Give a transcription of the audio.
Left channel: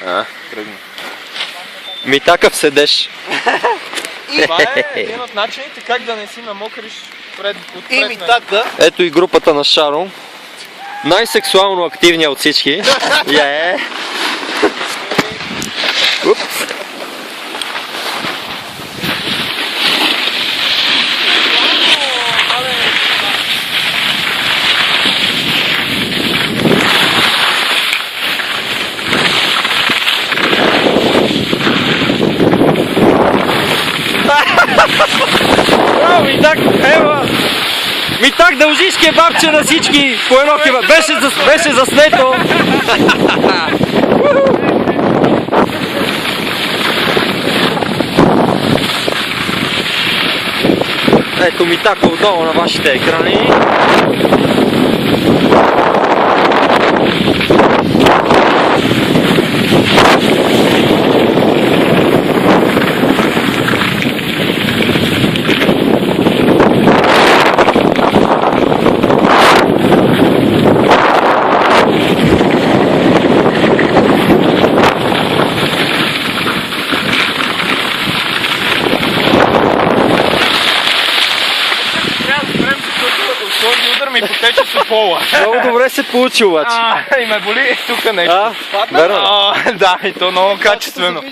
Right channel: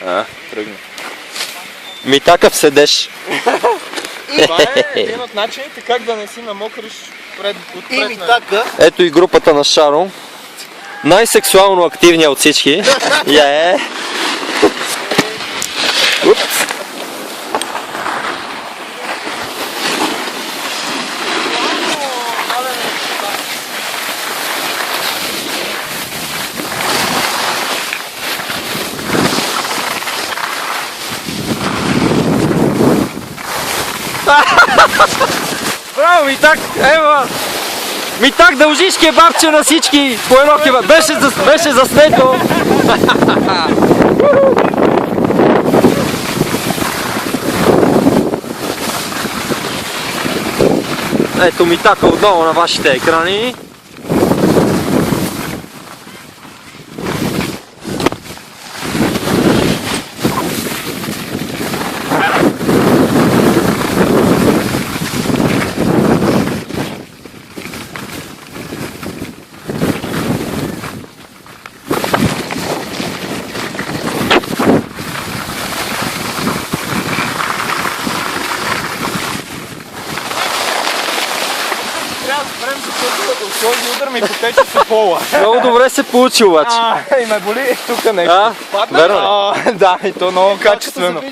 Тръгна. Ми такъв седеш. Това е един от начините как да не си намокриш отпред. И ми така. Ето и групата на Шаро. Най-сексуално активният от всички. Упс. Ми так, ева! Ми так дължиш кебабче на всички по едно кебаб. Беше заснето. Ето ми така отново на вашите екрани. Този удар ми потече с пола. Много добре се получи обаче. И ме боли тук нещо. Верно. Да, и то много качествено.